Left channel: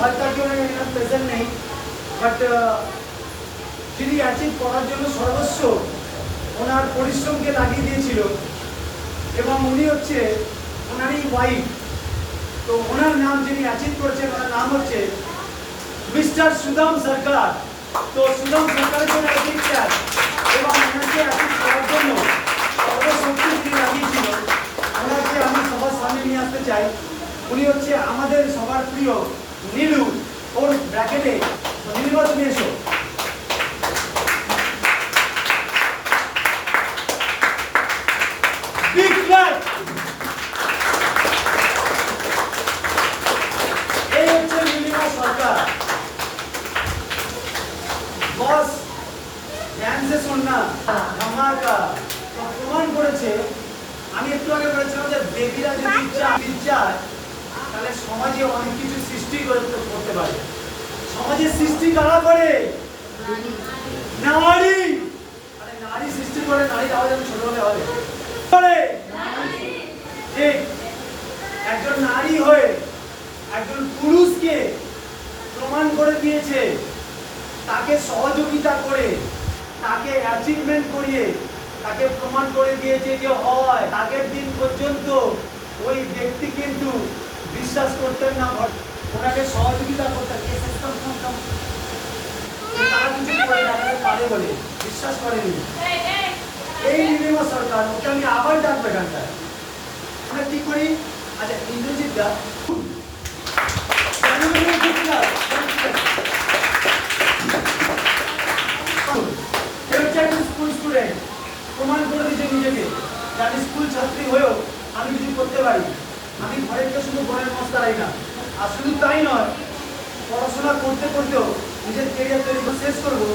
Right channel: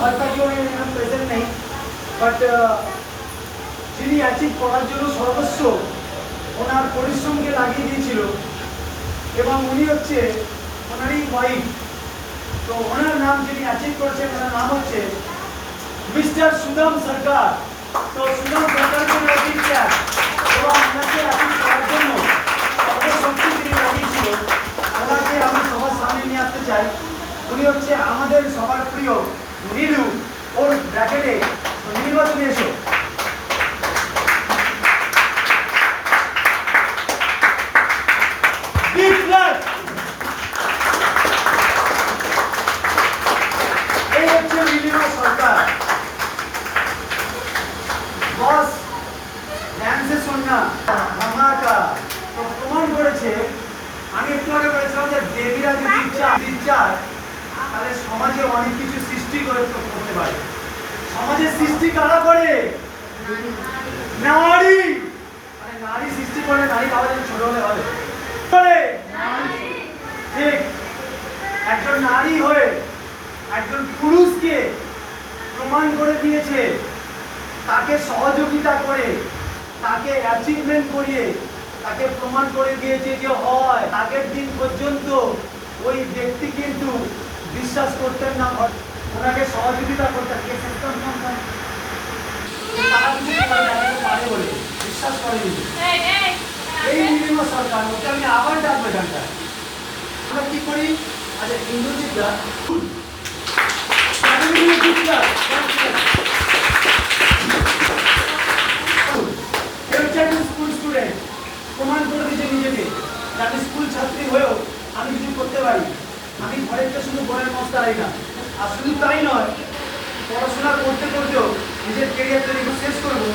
হয়তো কেউ প্রেজেন্ট নেই, বাট যিনি অ্যাচিভ করার জন্য সর্বস্ব ওনার পরিশ্রমকে লাগিয়ে দিয়েছিল, এবং উনি হচ্ছে ওনারই ওয়াইফ। তো ওনার নাম যিনি অ্যাচিভ করেছেন ওনার নাম হচ্ছে মিস্টার সুদাম সরকার। তো সুদাম সরকারের জন্য অ্যাচিভ চায় এবং ওনাকে অ্যাচিভ করার জন্য সর্বশক্তি যিনি লাগিয়েছিল ওনাকে আমি সবার সামনে নিয়ে আসতে চাই। উনি হচ্ছে আমাদের সবার প্রিয় নীলু, ওর ব্র্যাকেটে নীলুবা, তুমি এসো। এই হচ্ছে নীলিমা সরকার। বস ড্যান্সে শোনা ধামাকা প্রমাণ করেছে। আমি একটু আগে বলেছিলাম যে দেবীরা যদি চায় তাহলে সমাজে অনেক কিছু সৃষ্টি করতে পারে। সমাজের সৃষ্টি কারা করে? নারী। নারী সৃষ্টি করে, নারী তাহলে ছোট হলে হবে ঠিক। একজন নারী হয়ে একজন পুরুষকে প্রমাণ করে দিয়েছে, তাকে সহযোগিতা করে, তাকে অ্যাচিভমেন্ট করিয়ে তাকে প্রমাণ করে দিয়েছে যে হয়। আগের দিন পর্যন্ত ওই ব্যক্তি কিন্তু বিশ্বাস করতেন না, ওনাকে সহযোগিতা করতেন, পারে বলে বিশ্বাস করেনি। এই নীলিমা সরকার, ওকে আমি আবার ডাকবো এখানটায়। আমরা কি করি? আচ্ছা, ইন্দ্রজিৎ দা স্কুল স্টুডেন্ট প্রমাণ করে দিচ্ছে নিজেকে যে আমি স্কুল ছাত্রী হয়েও আমি কিছু করতে পারি। আমি ঘরের তো শুধু ঘরের মস্ত পারি না, আর শুধু তাই নয়, পড়াশোনা করতে করতেও নিজের কেরিয়ার তৈরি শেষ করবো।